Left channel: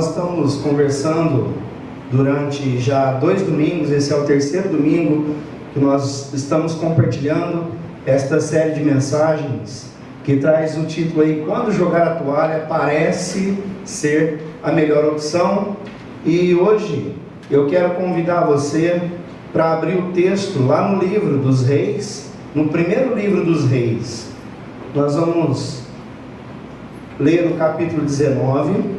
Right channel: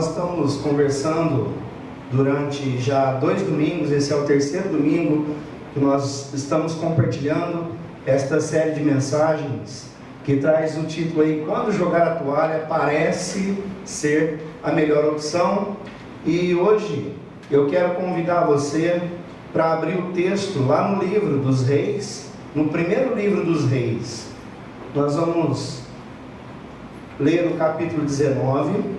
Nós estamos conversando durante já 2 domingos, esse é o 3º domingo que nós estamos compartilhando esta série de mensagens que traz o título aí, Quando Jogar a Toalha Parece Ser a Melhor Opção. E hoje eu quero convidar você para abrir o texto lá no livro dos Reis, no primeiro livro dos Reis. Nós vamos ler o capítulo 19.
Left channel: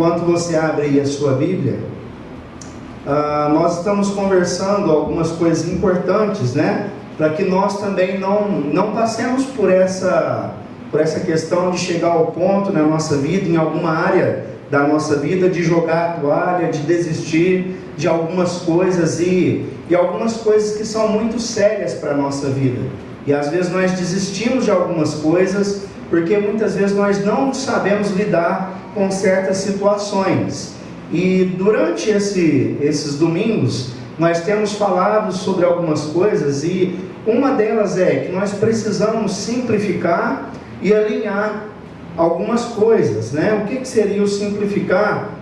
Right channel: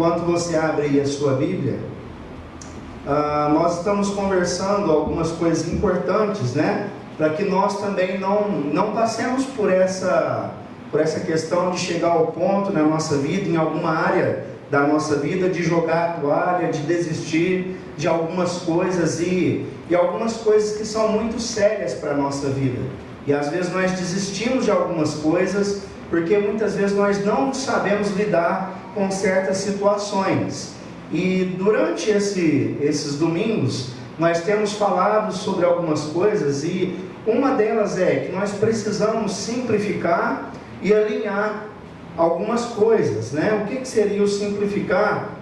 Enquanto você abre aí a sua Bíblia, nós estamos conversando algumas coisas importantes, né? Para que nós também não passemos por essa questão de chegar ao ponto na nossa vida, em alguma área da nossa vida, de jogar a toalha, de desistir de algumas coisas e algumas coisas que são muito sérias para a nossa vida. E às vezes nós desistimos de algumas coisas porque muitas vezes nós não sabemos lidar com certas situações. E durante esses domingos nós temos falado sobre algumas coisas, e uma delas é que nós precisamos simplificar e alinhar algumas coisas, né? O que seria o simplificar?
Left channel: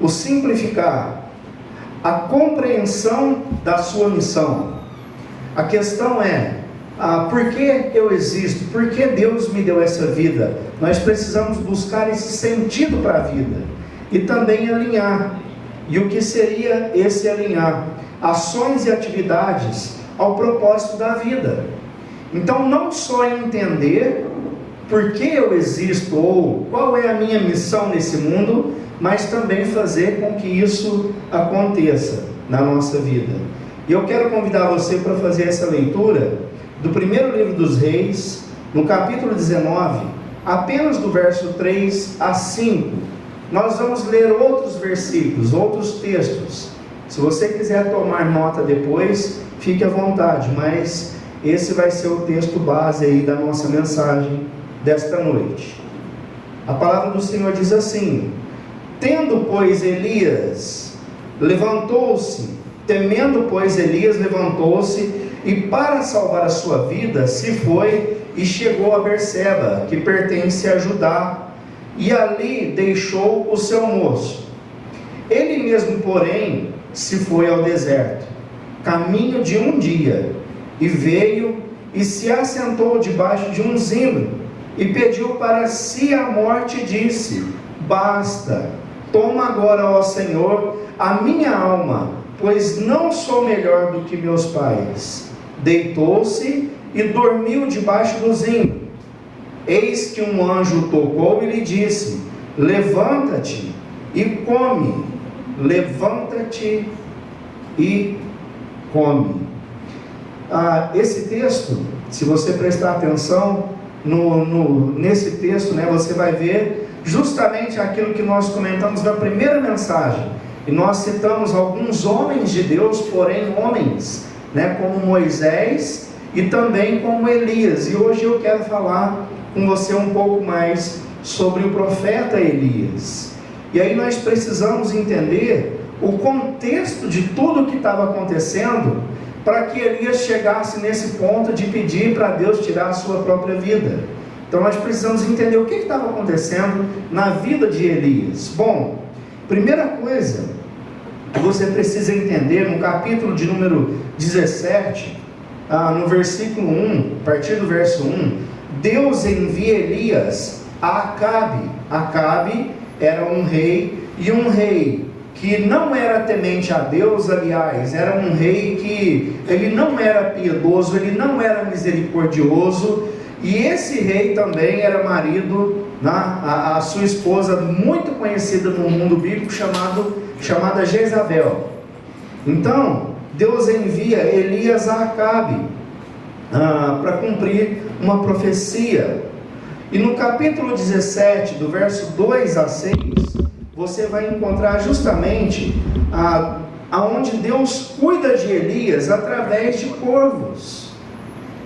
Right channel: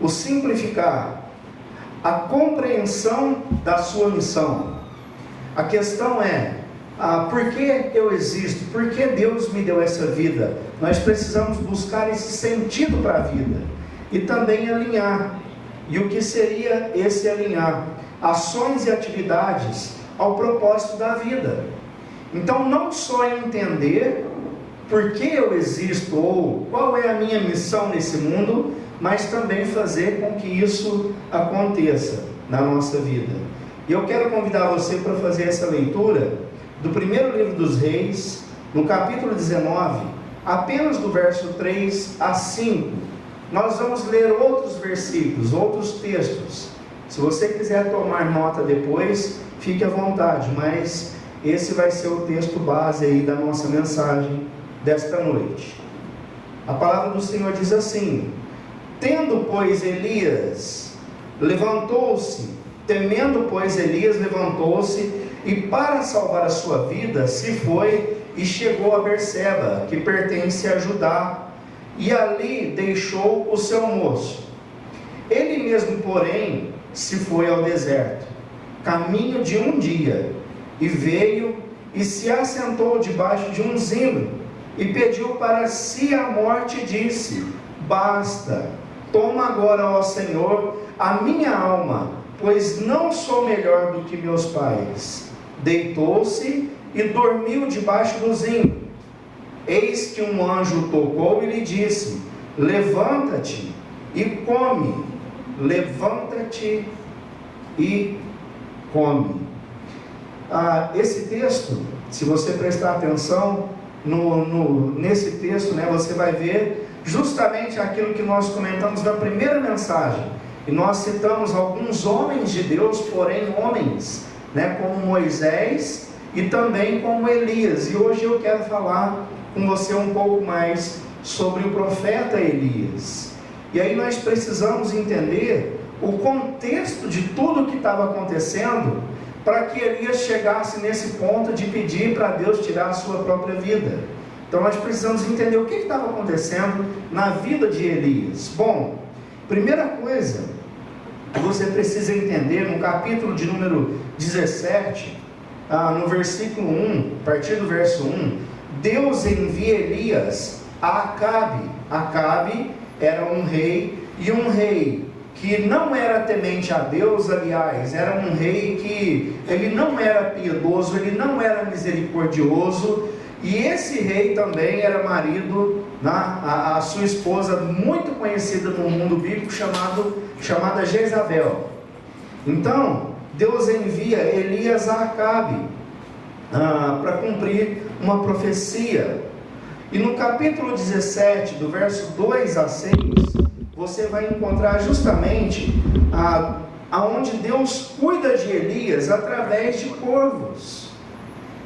O simplificar, a compreensão da sua missão. A questão é, por que eu existo? Por que Deus me deu essa vida? Nós precisamos buscar esse sentido para a vida e também alinhar. E o que seria esse alinhar? Ações e atividades ao propósito da vida. Então, não só entender por que eu existo ou qual é a minha missão nesse mundo, mas também fazer com que isso aconteça na nossa vida. E eu quero convidar você para fazer essa leitura do primeiro livro dos Reis, no capítulo 19, apenas do verso 3 a 5. Nós vamos ler outros versículos, outros textos. Se você quiser tomar nota depois, fique à vontade, mas esse vai ser o texto base aí da nossa mensagem desta noite. A palavra do Senhor diz assim: temendo, pois, Elias levantou-se, e para salvar a sua vida se foi e chegou a Berseba, que pertence a Judá, e ali deixou o seu moço. Ele mesmo, porém, se foi ao deserto, caminho de um dia, e veio e se assentou debaixo de um zimbro, e pediu para si a morte, e disse: basta, toma agora, ó Senhor, a minha alma, pois não sou melhor do que meus pais. Deitou-se e dormiu debaixo do zimbro. Eis que um anjo tocou e lhe disse: levanta-te e come. Levanta-te e come. Esse texto, se você prestar atenção nesse texto, né, você vai ver justamente aquilo que nós comentamos na primeira mensagem. E nós citamos alguns homens de Deus, porém homens, né, como Moisés e também como Elias. E hoje eu quero falar com você um pouco mais sobre o profeta Elias. E aí nós precisamos entender o contexto de tudo que estava acontecendo para que Elias chegasse nesse ponto de pedir para Deus tirar a sua própria vida. Então nós precisamos entender o que estava acontecendo na vida de Elias. Bom, primeira coisa que você precisa entender, no capítulo de número 17, no versículo 1, a partir do verso 1, Deus envia Elias a Acabe. Acabe era um rei, e um rei que não era temente a Deus, aliás, era um rei que ele não era piedoso, ele não era misericordioso, e esse rei também era marido a sua esposa, muito conhecida no mundo bíblico, chamada Jezabel. Então, Deus envia Elias a Acabe para cumprir uma profecia. E no capítulo 17, do verso 2 a 6, você vai encontrar justamente aonde Deus cuida de Elias através de corvos.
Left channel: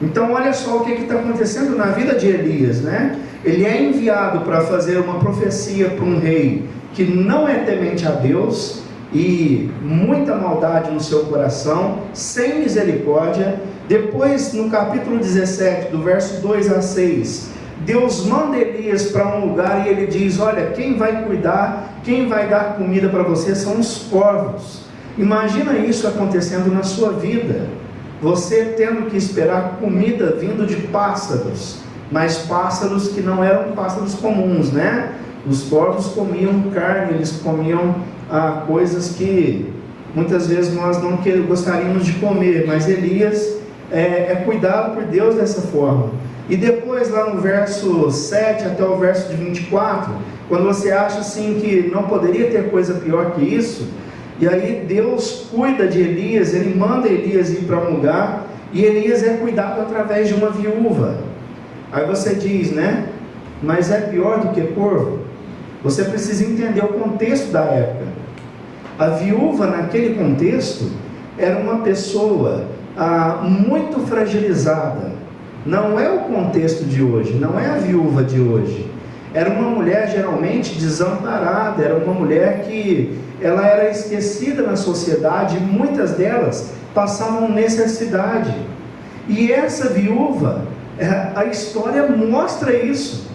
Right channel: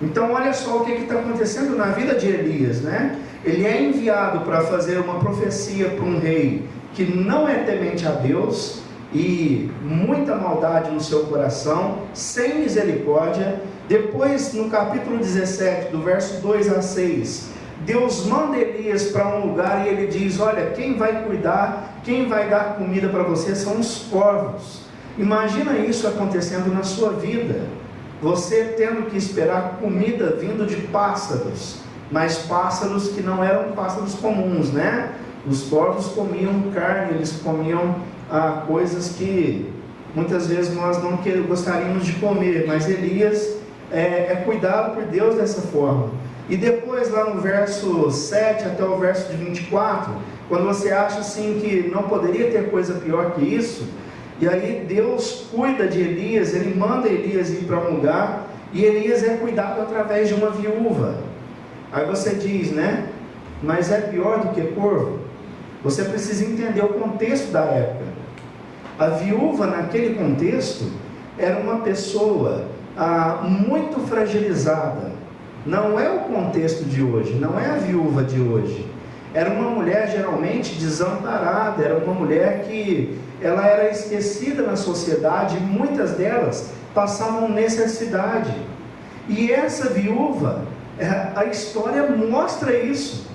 Então olha só o que está acontecendo na vida de Elias, né? Ele é enviado para fazer uma profecia para um rei que não é temente a Deus, e muita maldade no seu coração, sem misericórdia. Depois, no capítulo 17, do verso 2 a 6, Deus manda Elias para um lugar e ele diz: olha, quem vai cuidar, quem vai dar comida para você são os corvos. Imagina isso acontecendo na sua vida, você tendo que esperar comida vindo de pássaros, mas pássaros que não eram pássaros comuns, né? Os corvos comiam carne, eles comiam coisas que muitas vezes nós não gostaríamos de comer, mas Elias é cuidado por Deus dessa forma. E depois, lá no verso 7 até o verso de 24, quando você acha assim que não poderia ter coisa pior que isso, e aí Deus cuida de Elias, ele manda Elias ir para um lugar, e Elias é cuidado através de uma viúva. Aí você diz, né? Mas é pior do que corvo? Você precisa entender o contexto da época. A viúva, naquele contexto, era uma pessoa muito fragilizada. Não é o contexto de hoje, não é a viúva de hoje. Era uma mulher geralmente desamparada, era uma mulher que ela era esquecida na sociedade, e muitas delas passavam necessidade. E essa viúva, a história mostra isso.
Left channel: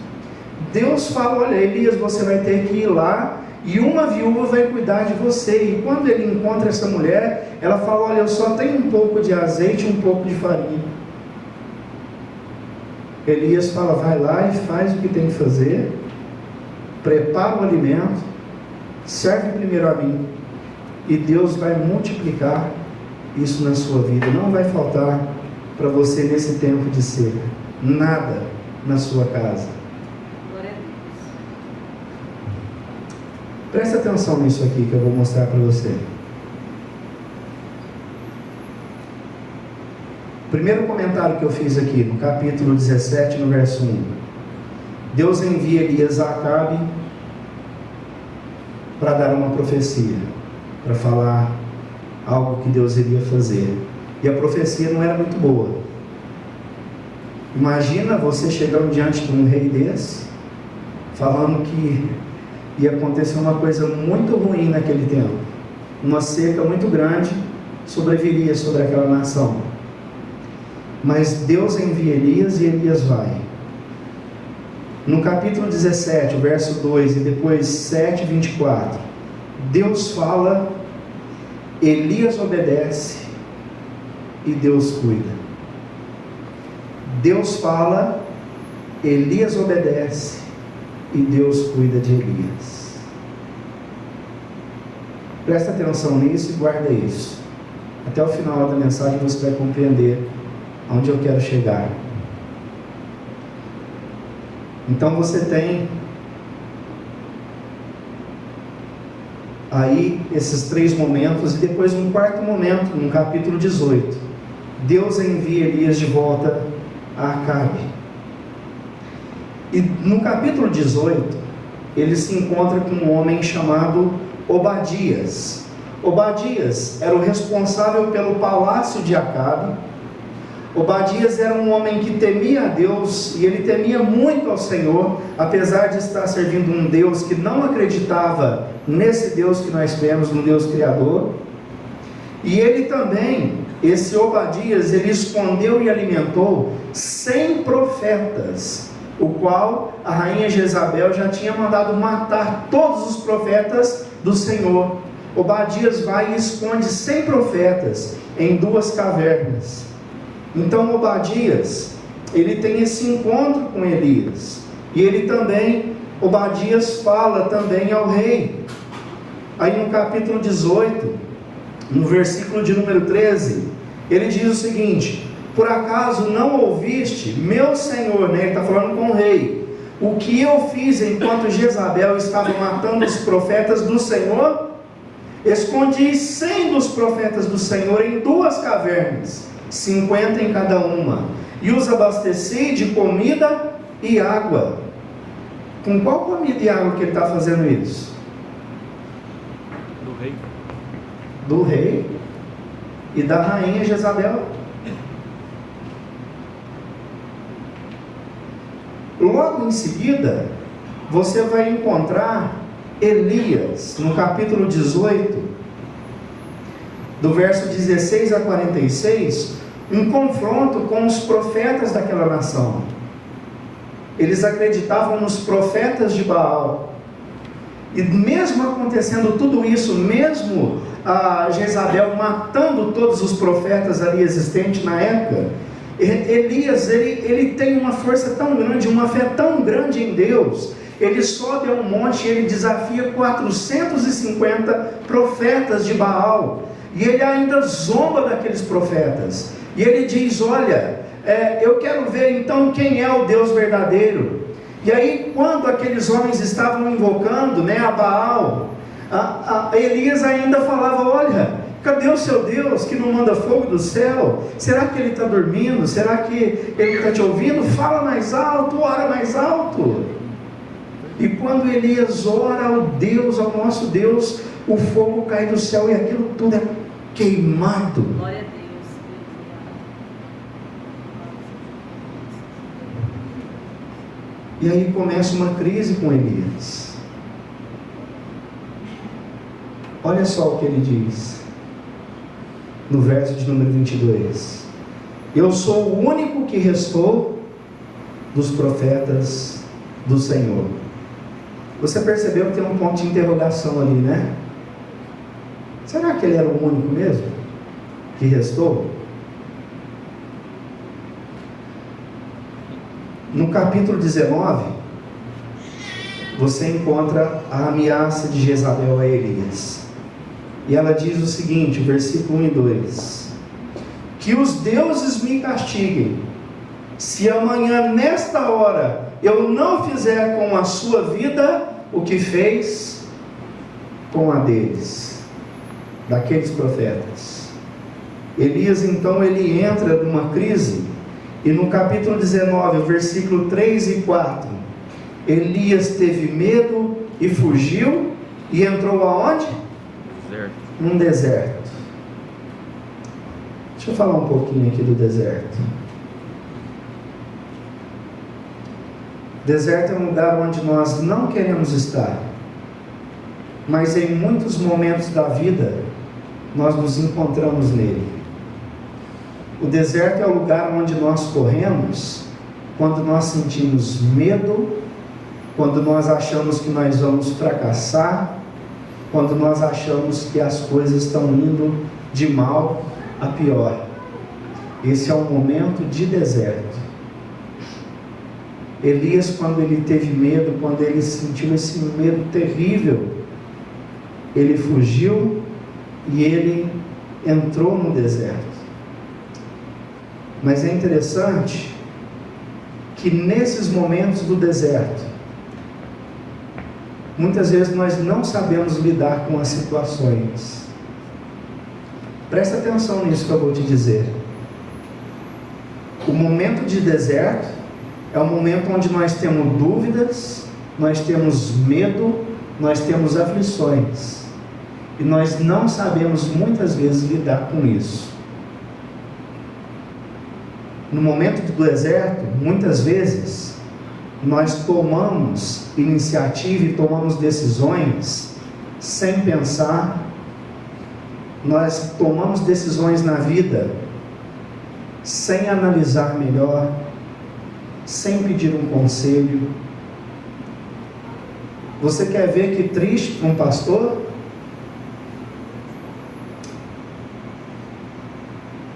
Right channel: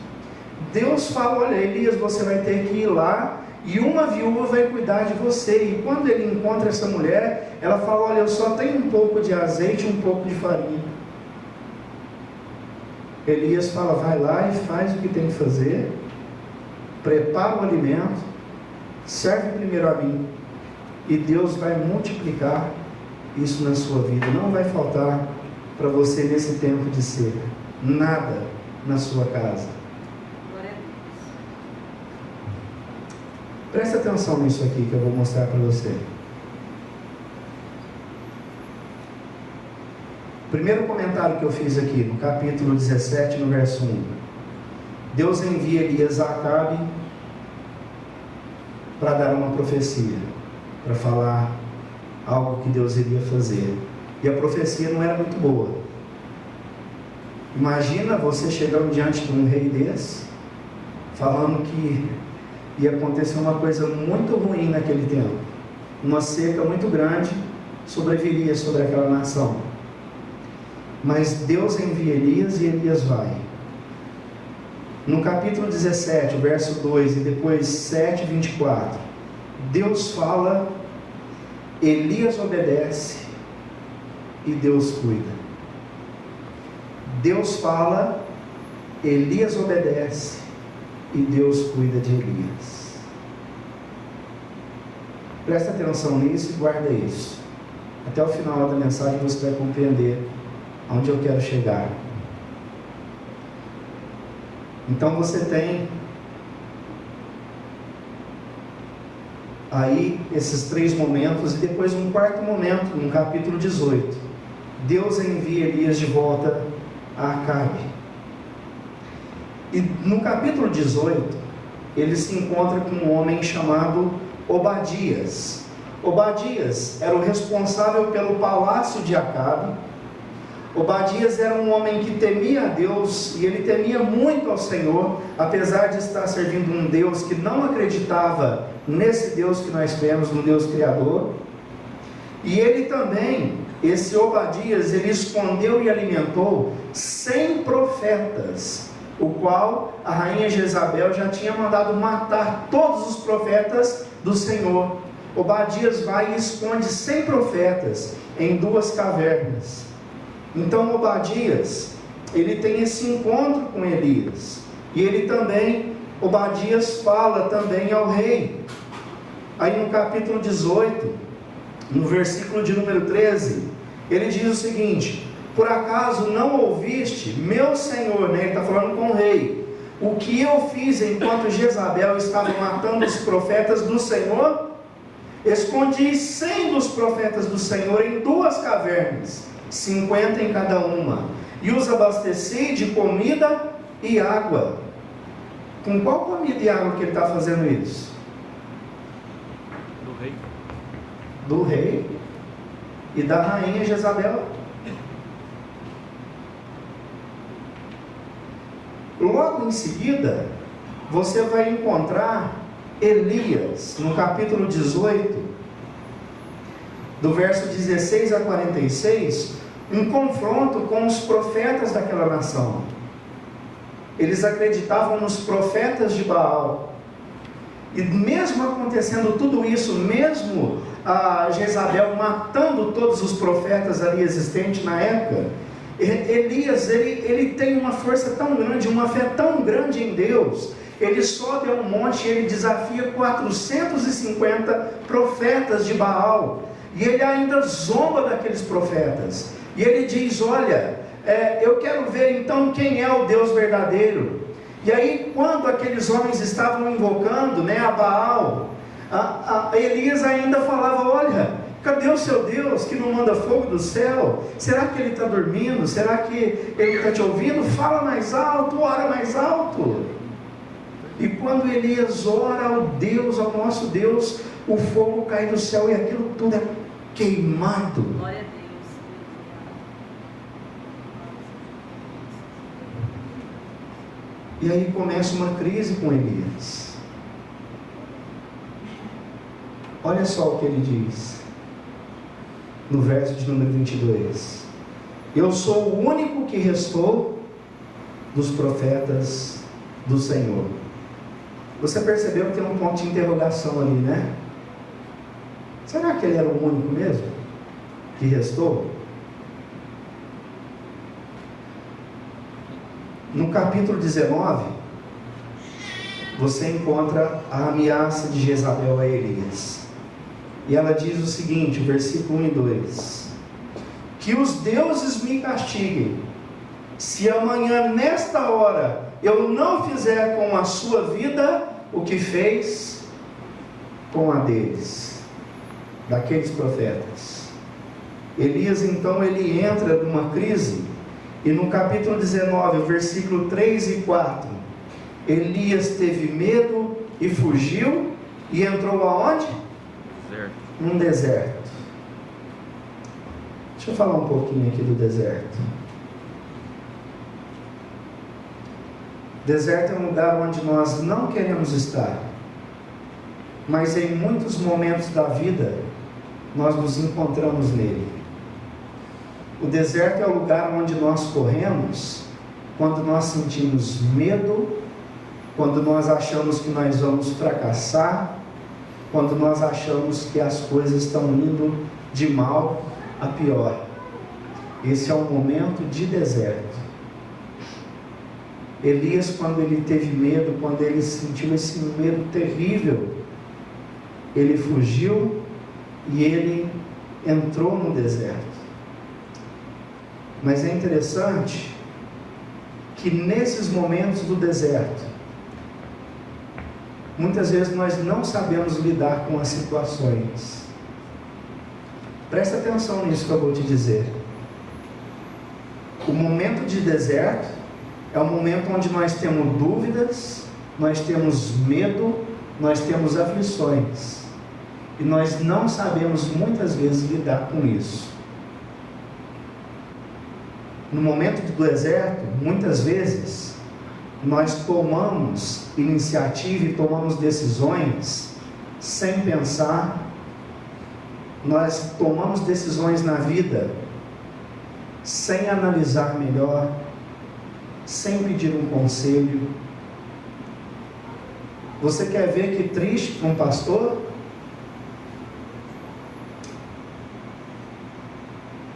Deus fala: olha, Elias, você vai ter que ir lá, e uma viúva vai cuidar de você. E quando ele encontra essa mulher, ela fala: olha, eu só tenho um pouco de azeite e um pouco de farinha. Elias fala: vai lá e faz o que tem que fazer, prepara o alimento, serve primeiro a mim, e Deus vai multiplicar isso na sua vida. Não vai faltar para você nesse tempo de seca nada na sua casa. Presta atenção nisso aqui que eu vou mostrar para você. Primeiro comentário que eu fiz aqui, no capítulo 17, no verso 1. Deus envia Elias a Acabe para dar uma profecia, para falar algo que Deus iria fazer. E a profecia não era muito boa. Imagina você chegando diante de um rei desse, falando que ia acontecer uma coisa muito ruim naquele tempo. Uma seca muito grande sobreviria sobre aquela nação. Mas Deus envia Elias e Elias vai. No capítulo 17, o verso 2 e depois 7, 24, Deus fala, Elias obedece e Deus cuida. Deus fala, Elias obedece e Deus cuida de Elias. Presta atenção nisso e guarda isso. Até o final da mensagem você vai compreender onde eu quero chegar. Então você tem aí esses três momentos, e depois um quarto momento, no capítulo 18. Deus envia Elias de volta a Acabe. E no capítulo 18, ele se encontra com um homem chamado Obadias. Obadias era o responsável pelo palácio de Acabe. Obadias era um homem que temia a Deus, e ele temia muito ao Senhor, apesar de estar servindo um Deus que não acreditava nesse Deus que nós temos, um Deus criador. E ele também, esse Obadias, ele escondeu e alimentou 100 profetas, o qual a rainha Jezabel já tinha mandado matar todos os profetas do Senhor. Obadias vai e esconde 100 profetas em 2 cavernas. Então Obadias, ele tem esse encontro com Elias, e ele também, Obadias fala também ao rei. Aí no capítulo 18, no versículo de número 13, ele diz o seguinte: por acaso não ouviste, meu senhor, né? Ele está falando com o rei, o que eu fiz enquanto Jezabel estava matando os profetas do Senhor? Escondi 100 dos profetas do Senhor em 2 cavernas, 50 em cada uma, e os abasteci de comida e água. Com qual comida e água que ele está fazendo isso? Do rei. Do rei e da rainha Jezabel. Logo em seguida, você vai encontrar Elias, no capítulo 18, do verso 16 a 46, um confronto com os profetas daquela nação. Eles acreditavam nos profetas de Baal. E mesmo acontecendo tudo isso, mesmo a Jezabel matando todos os profetas ali existentes na época, Elias, ele tem uma força tão grande, uma fé tão grande em Deus. Ele sobe a um monte e ele desafia 450 profetas de Baal. E ele ainda zomba daqueles profetas. E ele diz, olha, eu quero ver então quem é o Deus verdadeiro. E aí, quando aqueles homens estavam invocando, né, a Baal, Elias ainda falava, olha, cadê o seu Deus que não manda fogo do céu? Será que ele está dormindo? Será que ele está te ouvindo? Fala mais alto, ora mais alto. E quando Elias ora ao nosso Deus, o fogo cai do céu e aquilo tudo é queimado. Glória a Deus. E aí começa uma crise com Elias. Olha só o que ele diz no verso de número 22. Eu sou o único que restou dos profetas do Senhor. Você percebeu que tem um ponto de interrogação ali, né? Será que ele era o único mesmo que restou? No capítulo 19, você encontra a ameaça de Jezabel a Elias. E ela diz o seguinte, versículo 1 e 2: que os deuses me castiguem, se amanhã nesta hora eu não fizer com a sua vida o que fez com a deles, daqueles profetas. Elias então ele entra numa crise. E no capítulo 19, versículo 3 e 4, Elias teve medo e fugiu e entrou aonde? Deserto. Num deserto. Deixa eu falar um pouquinho aqui do deserto. Deserto é um lugar onde nós não queremos estar, mas em muitos momentos da vida nós nos encontramos nele. O deserto é o lugar onde nós corremos quando nós sentimos medo, quando nós achamos que nós vamos fracassar, quando nós achamos que as coisas estão indo de mal a pior. Esse é um momento de deserto. Elias, quando ele teve medo, quando ele sentiu esse medo terrível, ele fugiu e ele entrou no deserto. Mas é interessante que nesses momentos do deserto, muitas vezes nós não sabemos lidar com as situações. Presta atenção nisso que eu vou te dizer. O momento de deserto é o momento onde nós temos dúvidas, nós temos medo, nós temos aflições. E nós não sabemos muitas vezes lidar com isso. No momento do deserto, muitas vezes, nós tomamos iniciativa e tomamos decisões sem pensar. Nós tomamos decisões na vida sem analisar melhor, sem pedir um conselho. Você quer ver que triste para um pastor?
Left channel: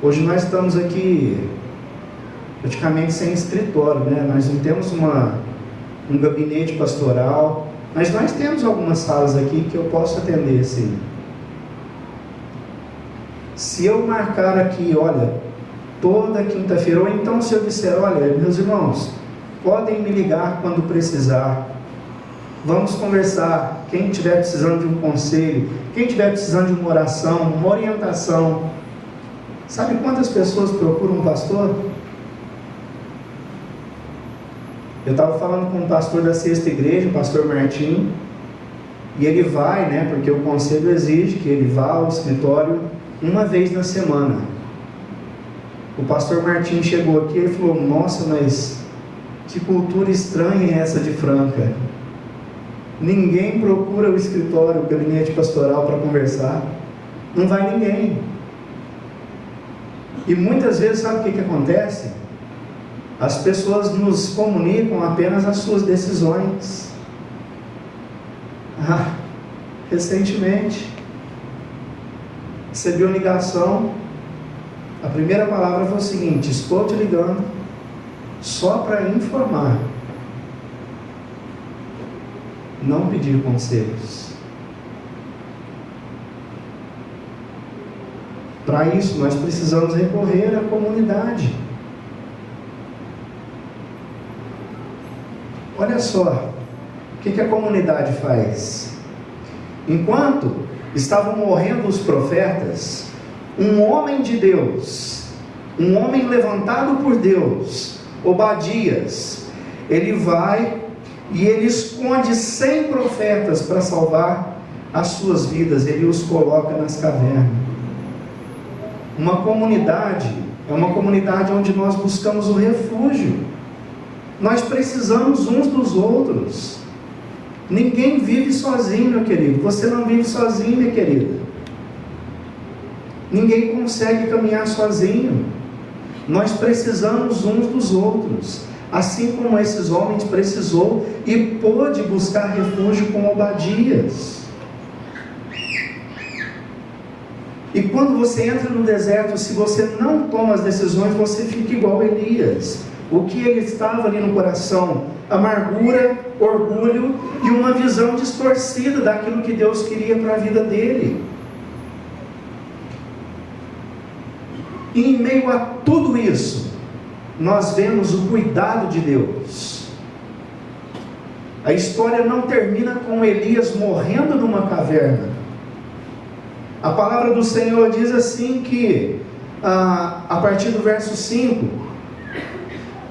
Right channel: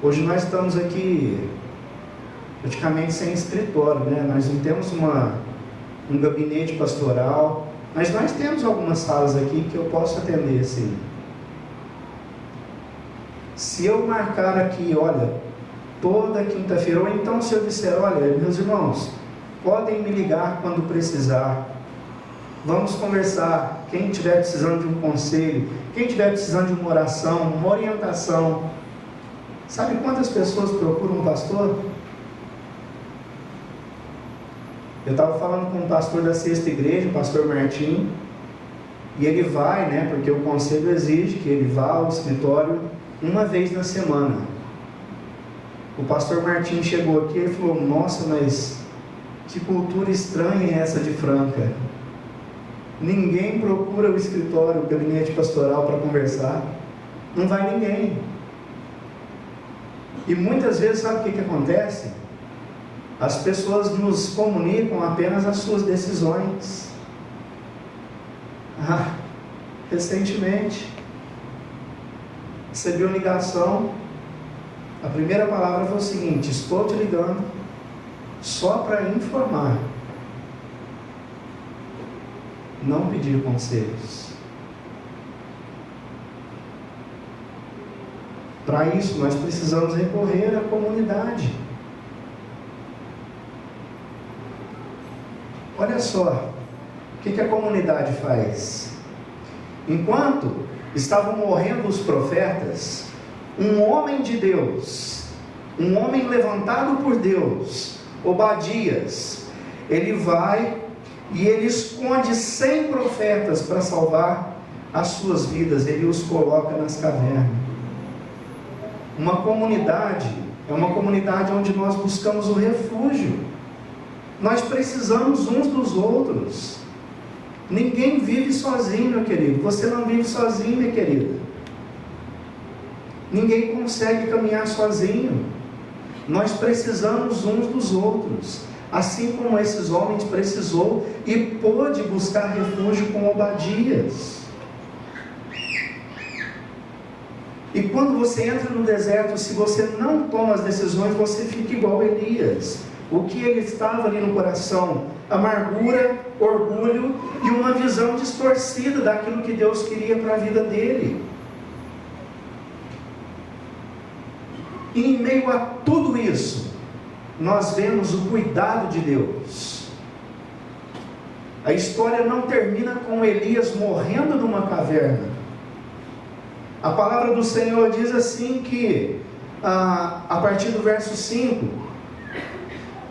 Hoje nós estamos aqui praticamente sem escritório, né? Nós não temos um gabinete pastoral, mas nós temos algumas salas aqui que eu posso atender, sim. Se eu marcar aqui, olha, toda quinta-feira, ou então se eu disser, olha, meus irmãos, podem me ligar quando precisar, vamos conversar, quem estiver precisando de um conselho, quem estiver precisando de uma oração, uma orientação. Sabe quantas pessoas procuram um pastor? Eu estava falando com um pastor da Sexta Igreja, o pastor Martim, e ele vai, né, porque o conselho exige que ele vá ao escritório uma vez na semana. O pastor Martim chegou aqui e falou, nossa, mas que cultura estranha é essa de Franca? Ninguém procura o escritório, o gabinete pastoral para conversar. Não vai ninguém. E muitas vezes, sabe o que acontece? As pessoas nos comunicam apenas as suas decisões. Recentemente, recebi uma ligação. A primeira palavra foi o seguinte: estou te ligando só para informar, não pedir conselhos. Para isso, nós precisamos recorrer à comunidade. Olha só, o que a comunidade faz? Enquanto estavam morrendo os profetas, um homem de Deus, um homem levantado por Deus, Obadias, ele vai e ele esconde 100 profetas para salvar as suas vidas. Ele os coloca nas cavernas. Uma comunidade é uma comunidade onde nós buscamos o refúgio. Nós precisamos uns dos outros. Ninguém vive sozinho, meu querido. Você não vive sozinho, minha querida. Ninguém consegue caminhar sozinho. Nós precisamos uns dos outros, assim como esses homens precisou e pôde buscar refúgio com Obadias. E quando você entra no deserto, se você não toma as decisões, você fica igual a Elias. O que ele estava ali no coração? Amargura, orgulho e uma visão distorcida daquilo que Deus queria para a vida dele. E em meio a tudo isso, nós vemos o cuidado de Deus. A história não termina com Elias morrendo numa caverna. A palavra do Senhor diz assim que, a partir do verso 5,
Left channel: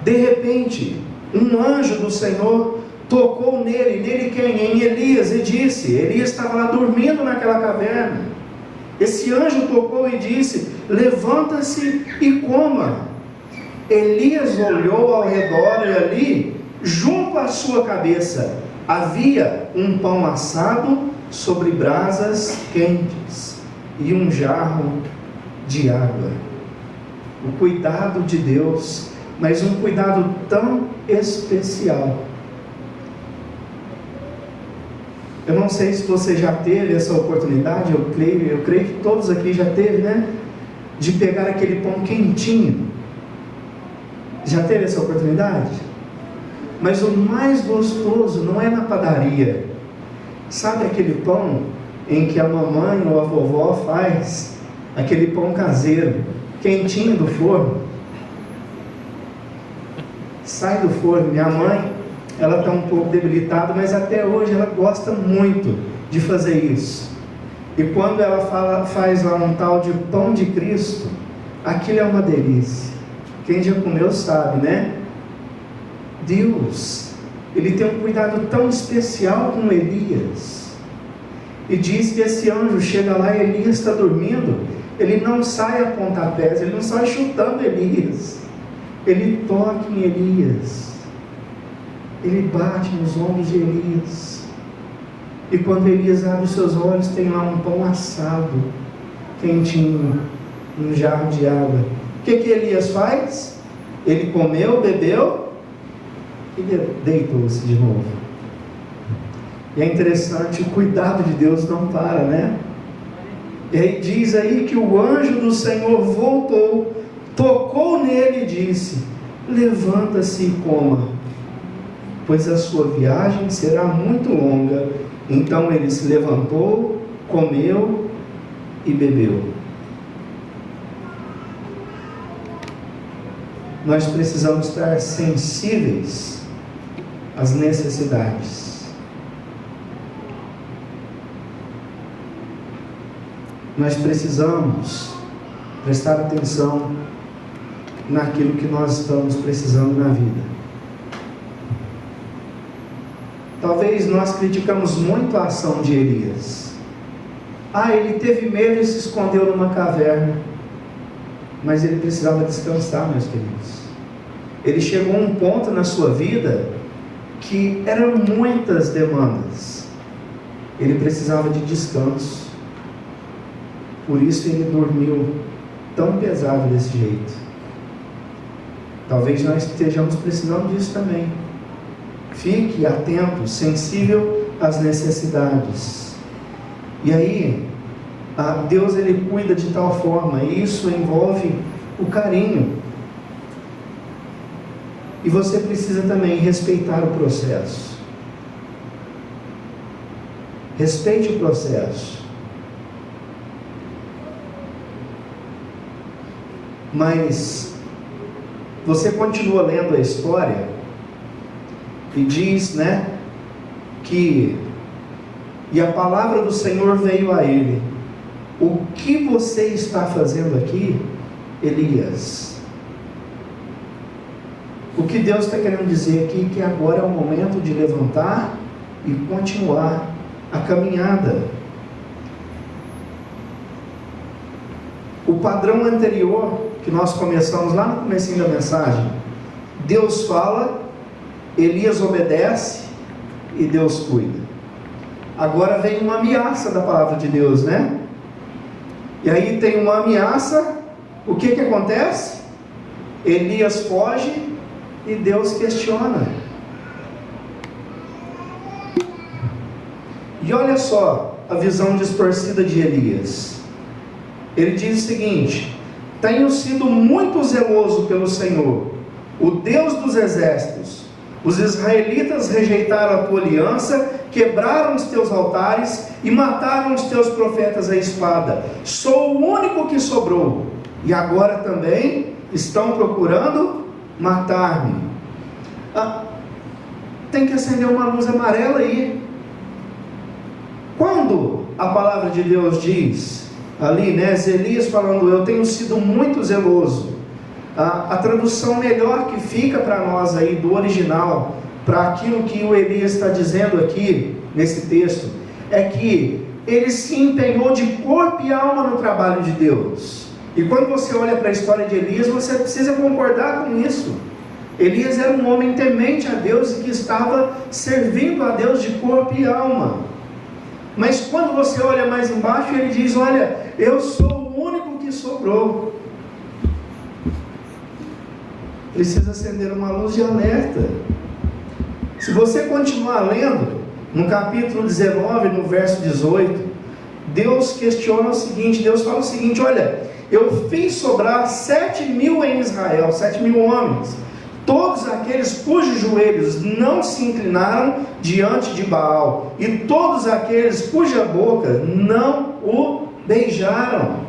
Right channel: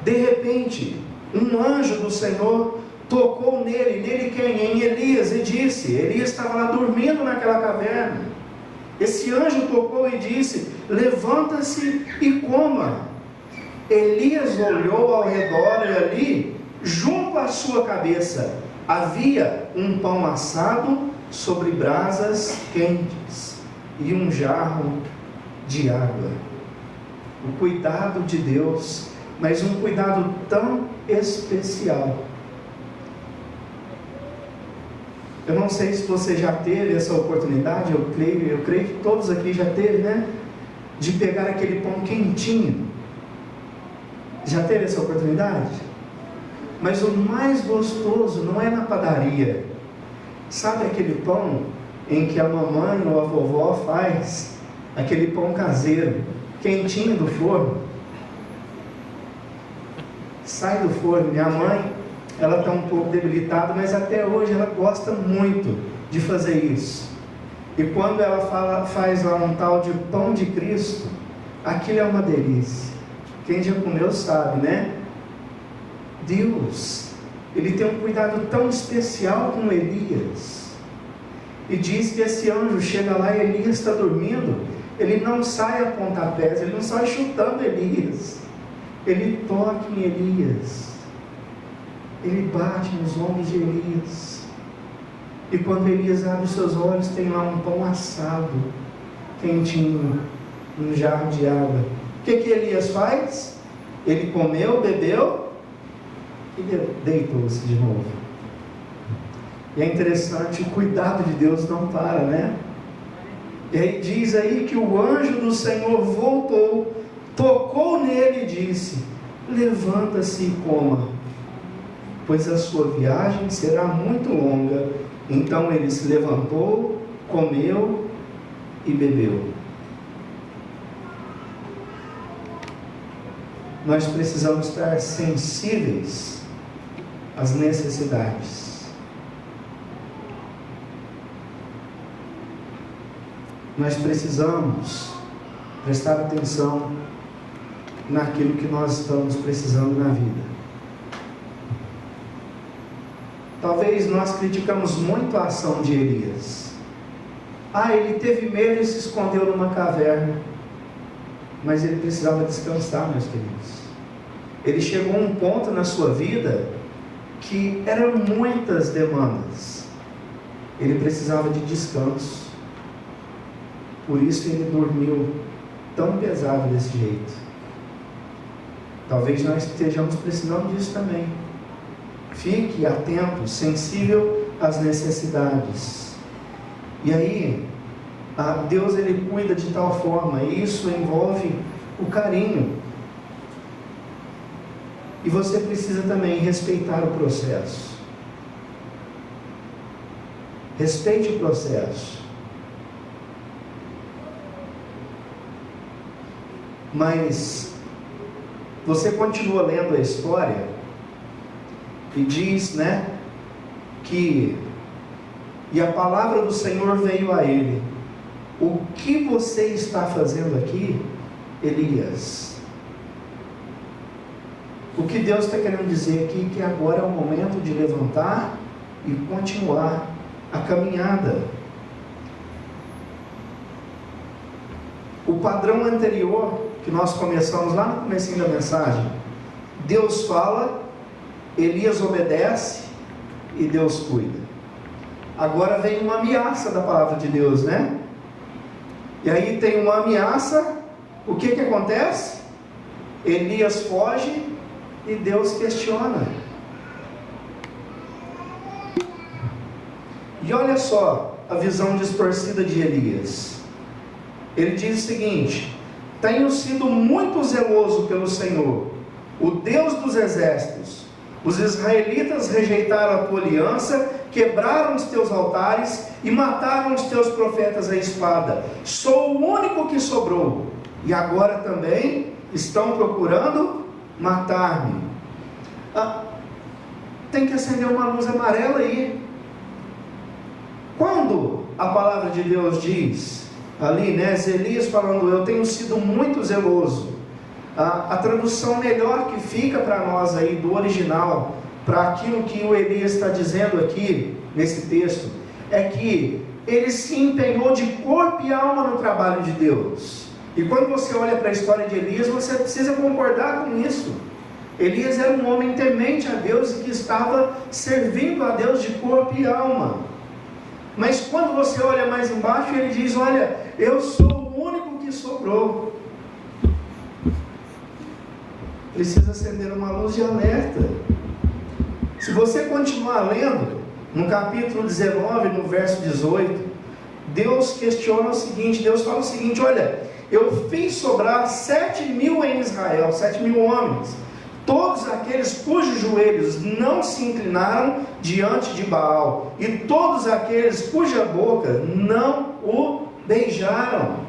de repente, um anjo do Senhor tocou nele quem? Em Elias, e disse, Elias estava lá dormindo naquela caverna. Esse anjo tocou e disse, levanta-se e coma. Elias olhou ao redor e ali, junto à sua cabeça, havia um pão assado sobre brasas quentes e um jarro de água. O cuidado de Deus, mas um cuidado tão especial. Eu não sei se você já teve essa oportunidade, eu creio que todos aqui já teve, né? De pegar aquele pão quentinho. Já teve essa oportunidade? Mas o mais gostoso não é na padaria. Sabe aquele pão em que a mamãe ou a vovó faz? Aquele pão caseiro, quentinho do forno. Sai do forno. Minha mãe, ela está um pouco debilitada, mas até hoje ela gosta muito de fazer isso. E quando ela faz lá um tal de pão de Cristo, aquilo é uma delícia. Quem já comeu sabe, né? Deus, Ele tem um cuidado tão especial com Elias. E diz que esse anjo chega lá e Elias está dormindo. Ele não sai a pontapés, ele não sai chutando Elias. Ele toca em Elias. Ele bate nos ombros de Elias. E quando Elias abre os seus olhos, tem lá um pão assado, quentinho, um jarro de água. O que Elias faz? Ele comeu, bebeu e deitou-se de novo. E é interessante, o cuidado de Deus não para, né? E aí diz aí que o anjo do Senhor voltou, tocou nele e disse, levanta-se e coma, pois a sua viagem será muito longa. Então ele se levantou, comeu e bebeu. Nós precisamos estar sensíveis às necessidades. Nós precisamos prestar atenção naquilo que nós estamos precisando na vida. Talvez nós criticamos muito a ação de Elias. Ele teve medo e se escondeu numa caverna. Mas ele precisava descansar, meus queridos. Ele chegou a um ponto na sua vida que eram muitas demandas. Ele precisava de descanso. Por isso ele dormiu tão pesado desse jeito. Talvez nós estejamos precisando disso também. Fique atento, sensível às necessidades. E aí, Deus ele cuida de tal forma, e isso envolve o carinho. E você precisa também respeitar o processo. Respeite o processo. Mas você continua lendo a história e diz, que e a palavra do Senhor veio a ele: o que você está fazendo aqui, Elias? O que Deus está querendo dizer aqui é que agora é o momento de levantar e continuar a caminhada. O padrão anterior que nós começamos lá no comecinho da mensagem, Deus fala, Elias obedece e Deus cuida. Agora vem uma ameaça da palavra de Deus, E aí tem uma ameaça, o que acontece? Elias foge e Deus questiona. E olha só a visão distorcida de Elias. Ele diz o seguinte: tenho sido muito zeloso pelo Senhor, o Deus dos exércitos. Os israelitas rejeitaram a tua aliança, quebraram os teus altares e mataram os teus profetas à espada. Sou o único que sobrou, e agora também estão procurando matar-me. Tem que acender uma luz amarela aí. Quando a palavra de Deus diz ali, Elias falando, eu tenho sido muito zeloso, a tradução melhor que fica para nós aí do original, para aquilo que o Elias está dizendo aqui nesse texto, é que ele se empenhou de corpo e alma no trabalho de Deus. E quando você olha para a história de Elias, você precisa concordar com isso. Elias era um homem temente a Deus e que estava servindo a Deus de corpo e alma. Mas quando você olha mais embaixo, ele diz, olha, eu sou o único que sobrou. Precisa acender uma luz de alerta. Se você continuar lendo, no capítulo 19, no verso 18, Deus questiona o seguinte, Deus fala o seguinte, olha, eu fiz sobrar 7.000 em Israel, 7.000 homens, todos aqueles cujos joelhos não se inclinaram diante de Baal, e todos aqueles cuja boca não o beijaram.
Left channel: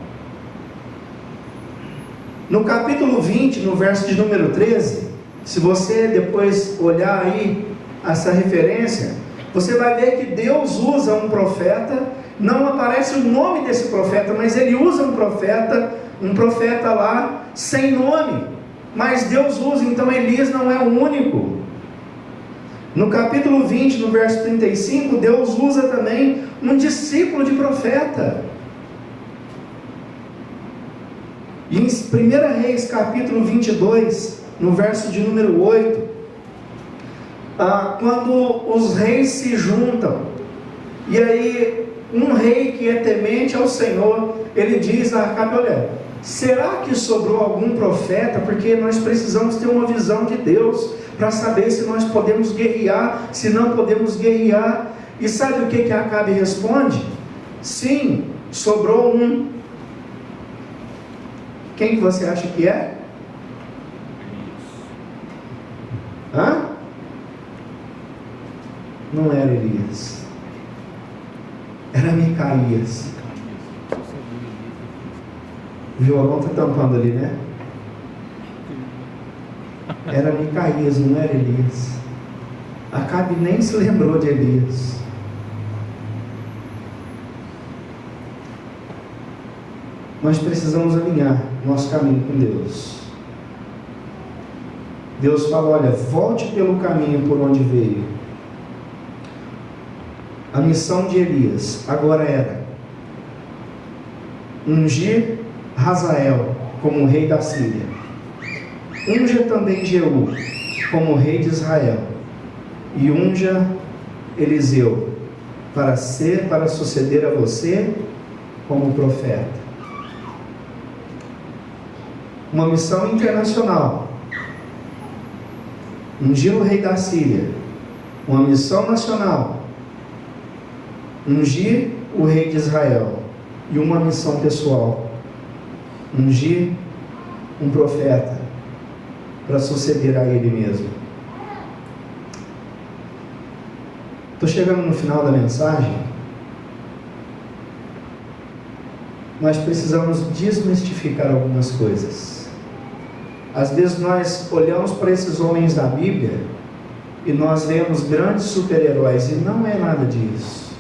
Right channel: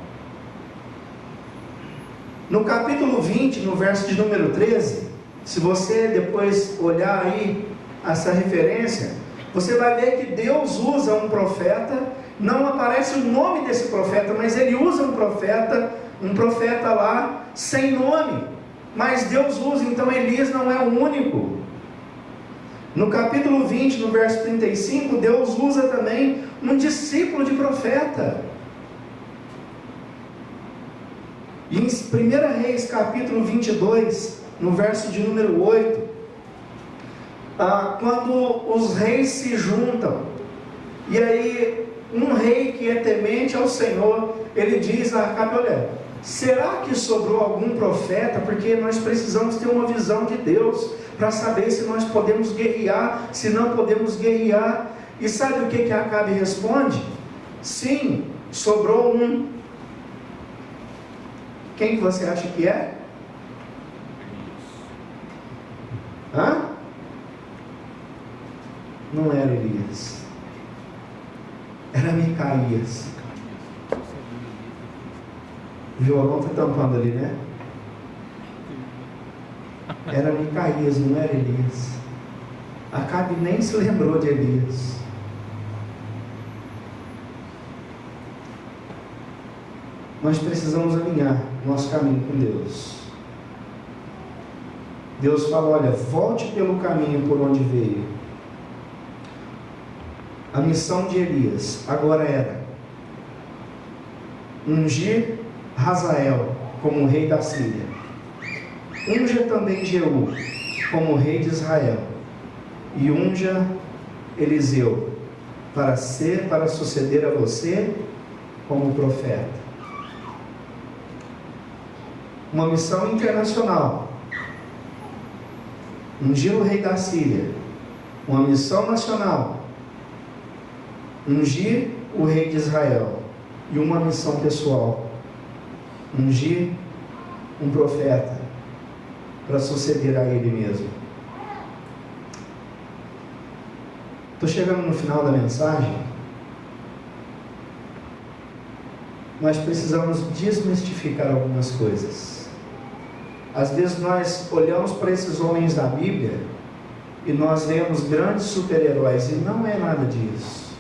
No capítulo 20, no verso de número 13, se você depois olhar aí essa referência, você vai ver que Deus usa um profeta, não aparece o nome desse profeta, mas ele usa um profeta lá sem nome, mas Deus usa, então Elias não é o único. No capítulo 20, no verso 35, Deus usa também um discípulo de profeta. E em 1 Reis capítulo 22, no verso de número 8, quando os reis se juntam, e aí um rei que é temente ao Senhor, ele diz a Acabe, olha, será que sobrou algum profeta? Porque nós precisamos ter uma visão de Deus, para saber se nós podemos guerrear, se não podemos guerrear. E sabe o que Acabe responde? Sim, sobrou um. Quem que você acha que é? Não era Elias, era Micaías. O violão está tampando ali, Era Micaías, não era Elias. Acabe nem se lembrou de Elias. Nós precisamos alinhar nosso caminho com Deus. Deus fala, olha, volte pelo caminho por onde veio. A missão de Elias agora era ungir Hazael como rei da Síria. Unja também Jeú como rei de Israel. E unja Eliseu para suceder a você como profeta. uma missão internacional, ungir o rei da Síria, uma missão nacional, ungir o rei de Israel, e uma missão pessoal, ungir um profeta para suceder a ele mesmo. Estou chegando no final da mensagem. Nós precisamos desmistificar algumas coisas. Às vezes nós olhamos para esses homens da Bíblia e nós vemos grandes super-heróis, e não é nada disso.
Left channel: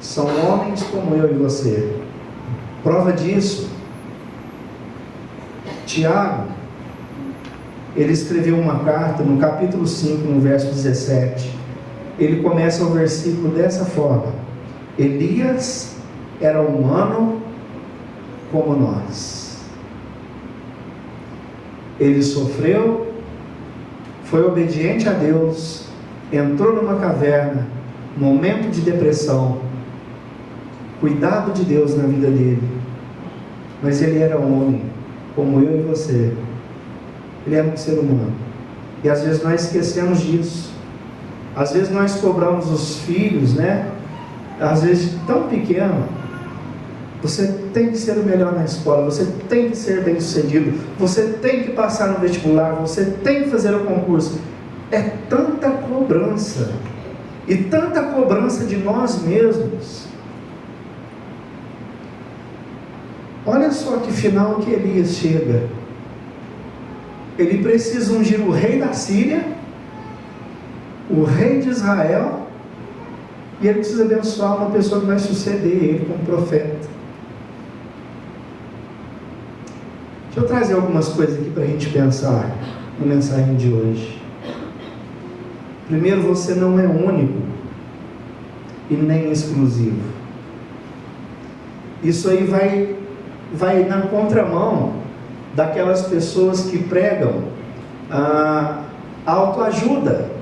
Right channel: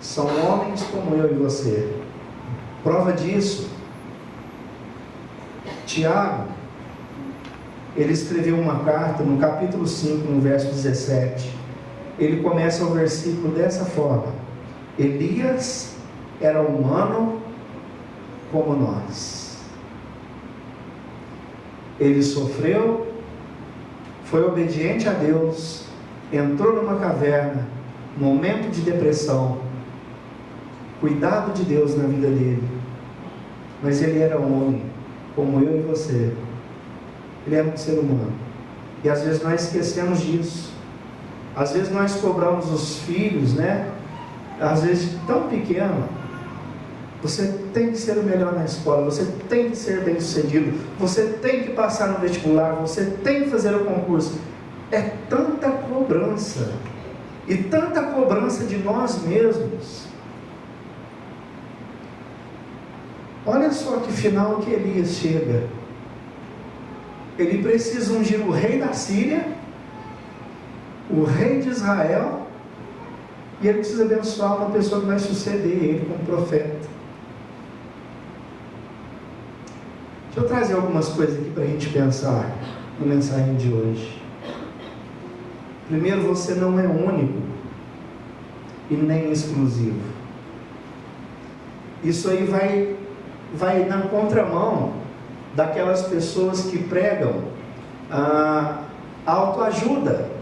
São homens como eu e você. Prova disso, Tiago, ele escreveu uma carta no capítulo 5, no verso 17. Ele começa o versículo dessa forma: Elias era humano como nós. Ele sofreu, foi obediente a Deus, entrou numa caverna, momento de depressão, cuidado de Deus na vida dele. Mas ele era homem, como eu e você. Ele era um ser humano. E às vezes nós esquecemos disso. Às vezes nós cobramos os filhos, né? Às vezes tão pequeno. Você tem que ser o melhor na escola, você tem que ser bem sucedido, você tem que passar no vestibular, você tem que fazer o concurso. É tanta cobrança, e tanta cobrança de nós mesmos. Olha só que final que Elias chega. Ele precisa ungir o rei da Síria, o rei de Israel, e ele precisa abençoar uma pessoa que vai suceder ele como profeta. Deixa eu trazer algumas coisas aqui para a gente pensar na mensagem de hoje. Primeiro, você não é único e nem exclusivo. Isso aí vai na contramão daquelas pessoas que pregam a autoajuda,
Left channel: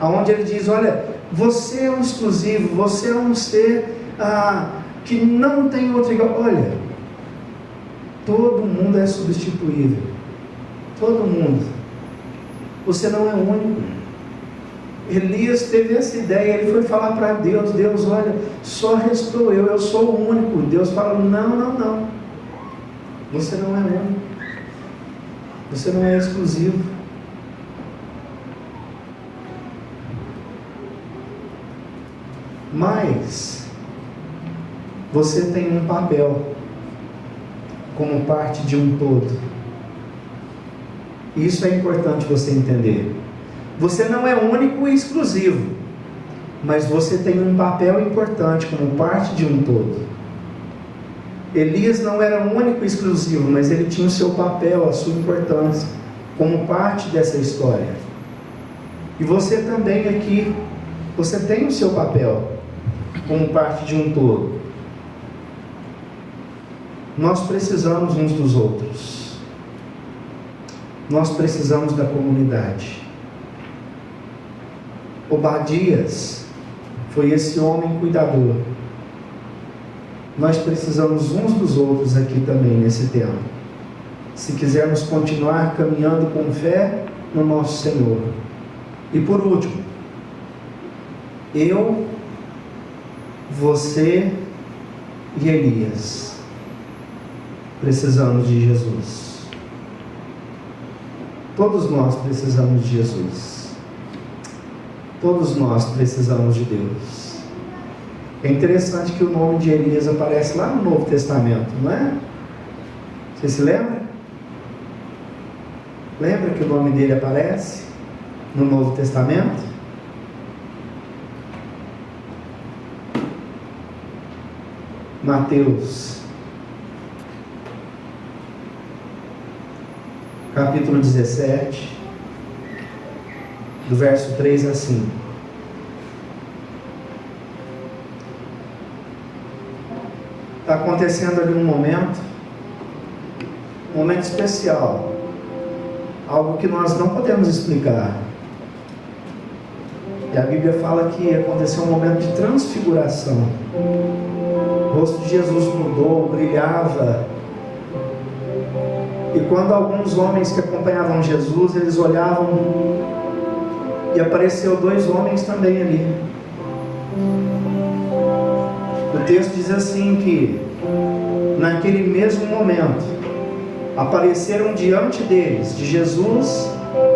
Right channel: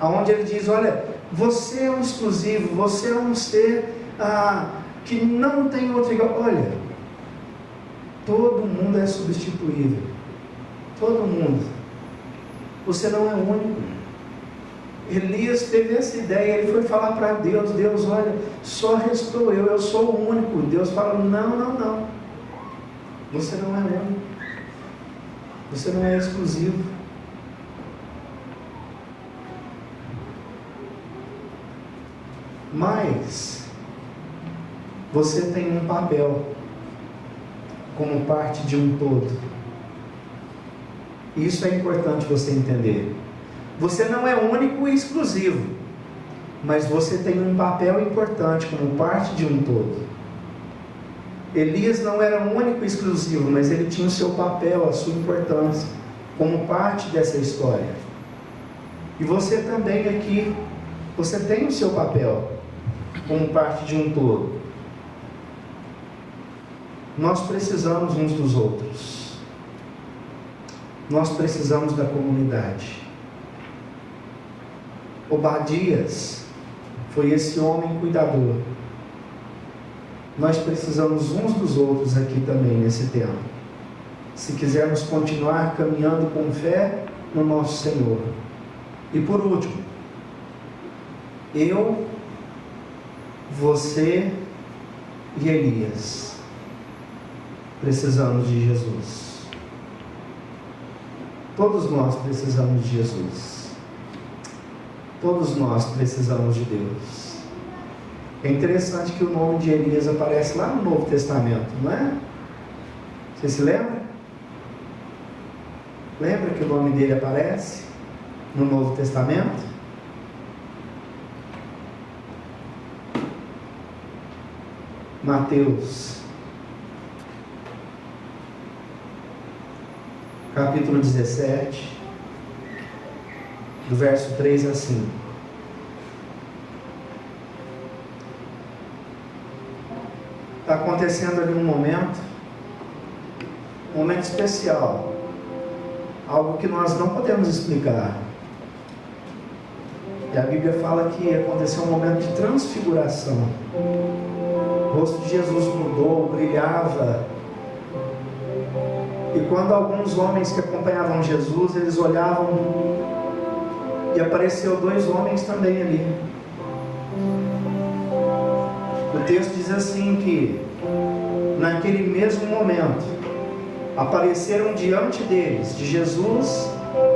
aonde ele diz: olha, você é um exclusivo, você é um ser que não tem outro igual. Olha, todo mundo é substituível, todo mundo. Você não é único. Elias teve essa ideia, ele foi falar para Deus: Deus, olha, só restou eu sou o único. Deus fala: não, você não é único, você não é exclusivo. Mas você tem um papel como parte de um todo. Isso é importante você entender. Você não é único e exclusivo, mas você tem um papel importante como parte de um todo. Elias não era único e exclusivo, mas ele tinha o seu papel, a sua importância como parte dessa história. E você também aqui, você tem o seu papel como parte de um todo. Nós precisamos uns dos outros. Nós precisamos da comunidade. Obadias foi esse homem cuidador. Nós precisamos uns dos outros aqui também nesse tempo, se quisermos continuar caminhando com fé no nosso Senhor. E por último, eu, você e Elias precisamos de Jesus. Todos nós precisamos de Jesus. Todos nós precisamos de Deus. É interessante que o nome de Elias aparece lá no Novo Testamento, não é? Você se lembra? Lembra que o nome dele aparece no Novo Testamento? Mateus, capítulo 17, do verso 3 a 5. Está acontecendo ali um momento especial, algo que nós não podemos explicar. E a Bíblia fala que aconteceu um momento de transfiguração. O rosto de Jesus mudou, brilhava, E quando alguns homens que acompanhavam Jesus, eles olhavam e apareceu 2 homens também ali. O texto diz assim que naquele mesmo momento apareceram diante deles, de Jesus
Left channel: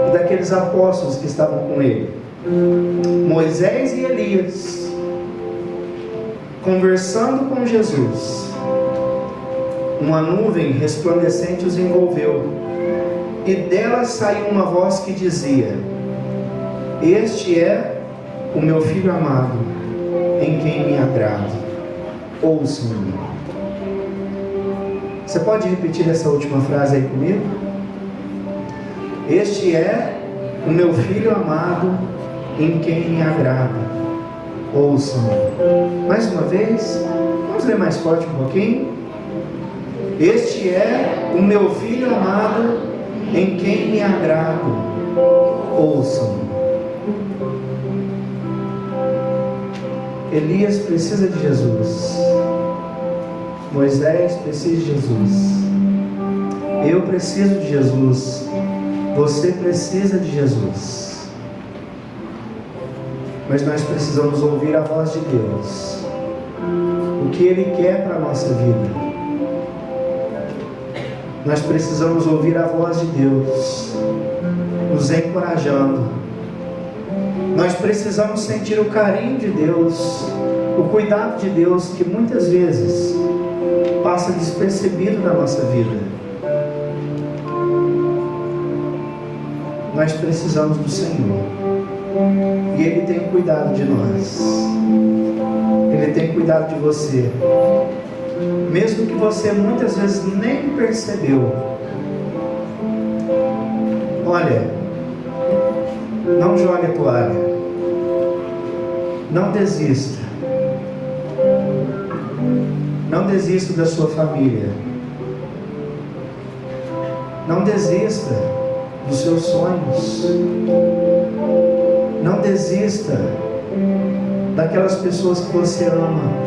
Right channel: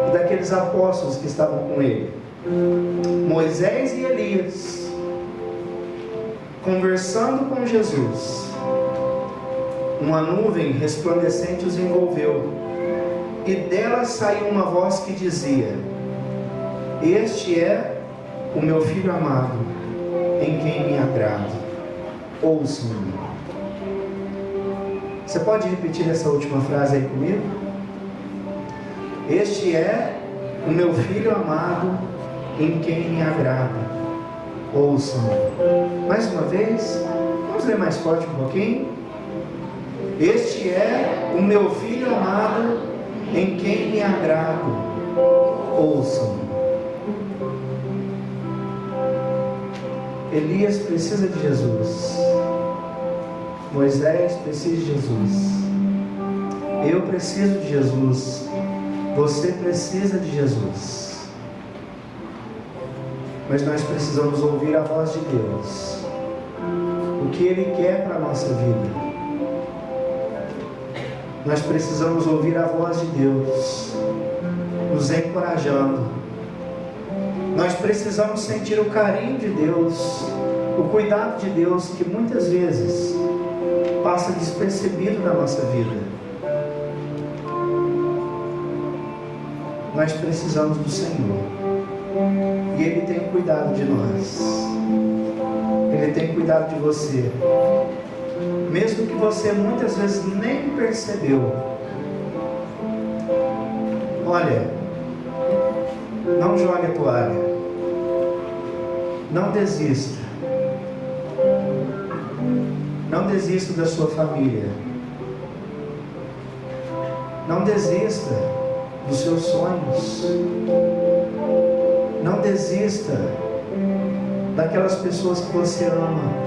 e daqueles apóstolos que estavam com ele, Moisés e Elias, conversando com Jesus. Uma nuvem resplandecente os envolveu, e dela saiu uma voz que dizia: este é o meu filho amado, em quem me agrado, ouçam-me. Você pode repetir essa última frase aí comigo? Este é o meu filho amado, em quem me agrada, ouçam-me. Mais uma vez, vamos ler mais forte um pouquinho. Este é o meu filho amado, em quem me agrado, ouçam-me. Elias precisa de Jesus, Moisés precisa de Jesus, eu preciso de Jesus, você precisa de Jesus. Mas nós precisamos ouvir a voz de Deus, o que Ele quer para a nossa vida. Nós precisamos ouvir a voz de Deus nos encorajando. Nós precisamos sentir o carinho de Deus, o cuidado de Deus, que muitas vezes passa despercebido na nossa vida. Nós precisamos do Senhor, e Ele tem cuidado de nós, Ele tem cuidado de você, mesmo que você muitas vezes nem percebeu. Olha, não jogue a toalha, não desista, não desista da sua família, não desista dos seus sonhos, não desista daquelas pessoas que você ama.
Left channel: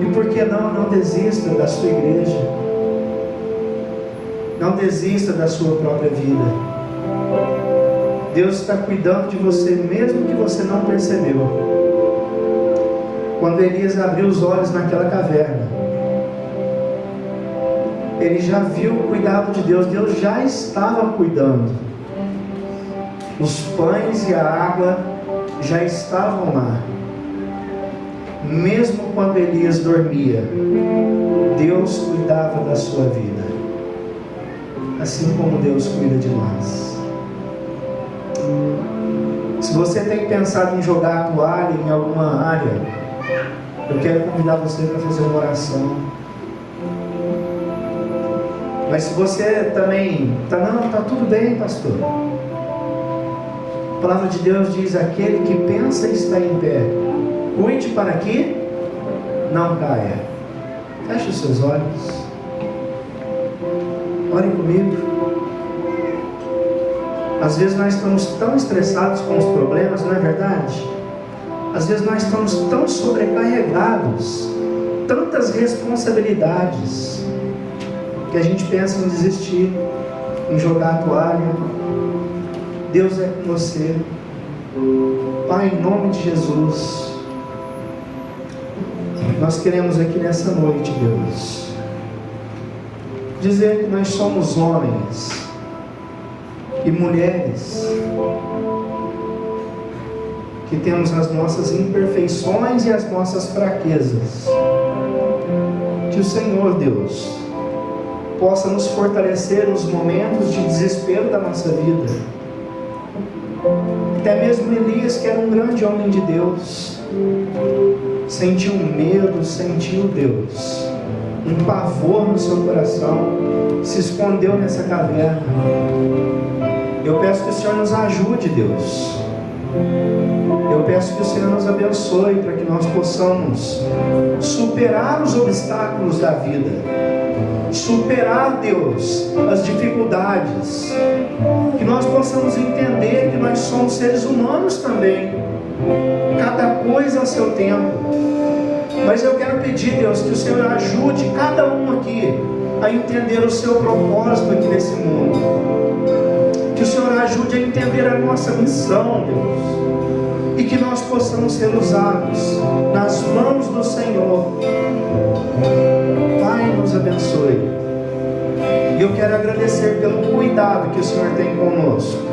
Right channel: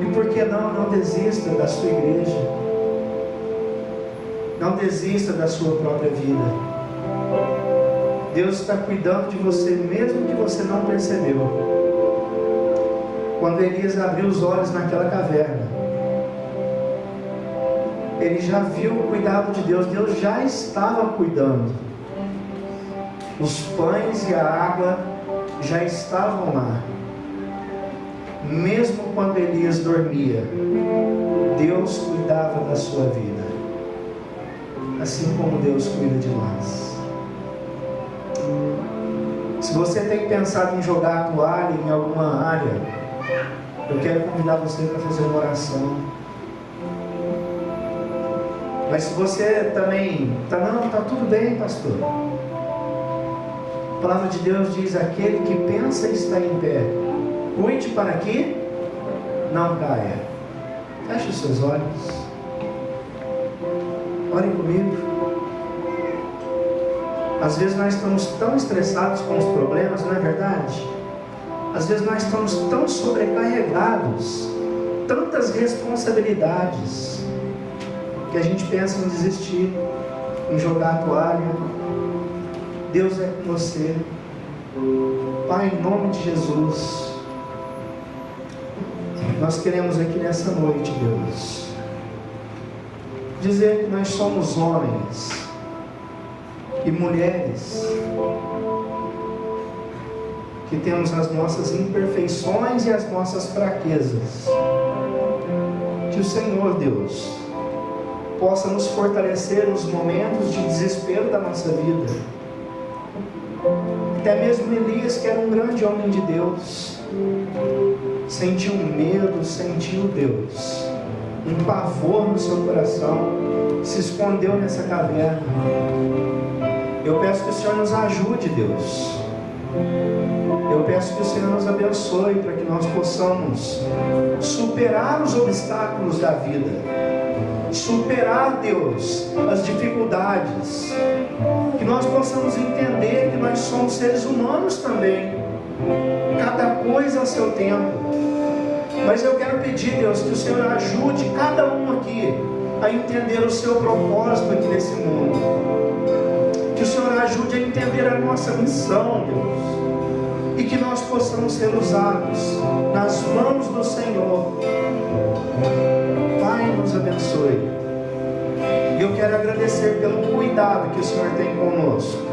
E por que não desista da sua igreja? Não desista da sua própria vida. Deus está cuidando de você, mesmo que você não percebeu. Quando Elias abriu os olhos naquela caverna, ele já viu o cuidado de Deus. Deus já estava cuidando. Os pães e a água já estavam lá. Mesmo quando Elias dormia, Deus cuidava da sua vida, assim como Deus cuida de nós. Se você tem pensado em jogar a toalha em alguma área, eu quero convidar você para fazer uma oração. Mas se você também está tudo bem, pastor. A palavra de Deus diz: aquele que pensa estar em pé, cuide para que não caia. Feche os seus olhos. Ore comigo. Às vezes nós estamos tão estressados com os problemas, não é verdade? Às vezes nós estamos tão sobrecarregados, tantas responsabilidades, que a gente pensa em desistir, em jogar a toalha. Deus é com você. Pai, em nome de Jesus, nós queremos aqui nessa noite, Deus, dizer que nós somos homens e mulheres que temos as nossas imperfeições e as nossas fraquezas. Que o Senhor, Deus, possa nos fortalecer nos momentos de desespero da nossa vida. Até mesmo Elias, que era um grande homem de Deus, sentiu medo, sentiu, Deus, um pavor no seu coração, se escondeu nessa caverna. Eu peço que o Senhor nos ajude, Deus. Eu peço que o Senhor nos abençoe para que nós possamos superar os obstáculos da vida, superar, Deus, as dificuldades, que nós possamos entender que nós somos seres humanos também, cada coisa ao seu tempo. Mas eu quero pedir, Deus, que o Senhor ajude cada um aqui a entender o seu propósito aqui nesse mundo. Que o Senhor ajude a entender a nossa missão, Deus. E que nós possamos ser usados nas mãos do Senhor. Pai, nos abençoe. E eu quero agradecer pelo cuidado que o Senhor tem conosco.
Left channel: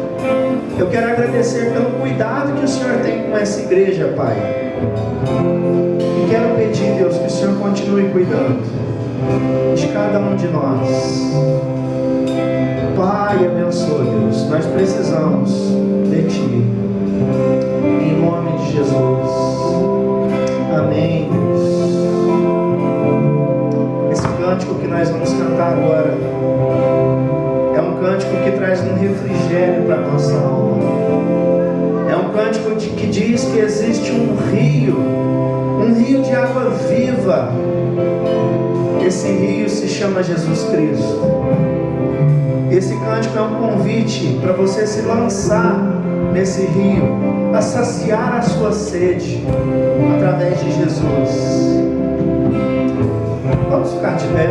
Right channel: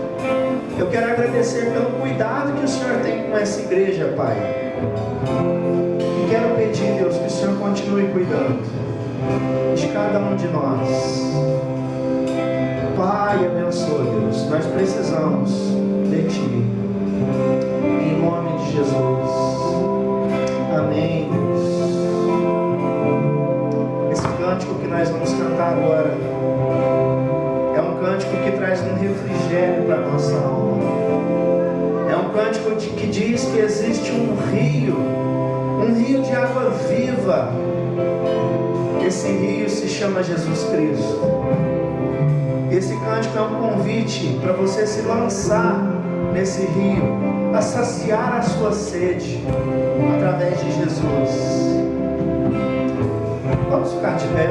Eu quero agradecer pelo cuidado que o Senhor tem com essa igreja, Pai. E quero pedir, Deus, que o Senhor continue cuidando de cada um de nós. Pai, abençoe, Deus. Nós precisamos de Ti. Em nome de Jesus. Amém, Deus. Esse cântico que nós vamos cantar agora é um cântico que traz um refrigério para a nossa alma. É um cântico que diz que existe um rio de água viva. Esse rio se chama Jesus Cristo. Esse cântico é um convite para você se lançar nesse rio, a saciar a sua sede através de Jesus. Vamos ficar de pé.